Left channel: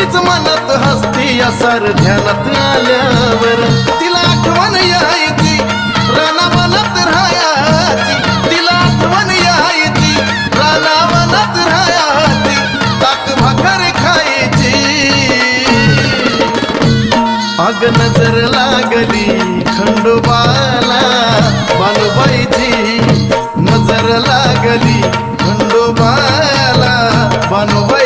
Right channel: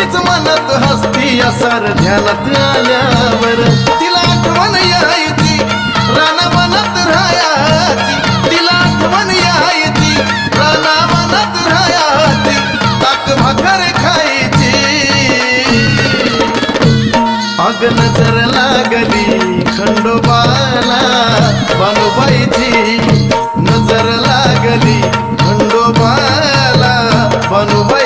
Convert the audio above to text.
तीच मनात हसती असार ध्यानात आल्यावर तिला आठवण यायची रानावनात राहायची तिला आठवण यायची रानावनात राहायची ताक भाकर खायची अग नजर लागली खंडोबाला बानुबाईची नजर लागली खंडोबाला बानुबाई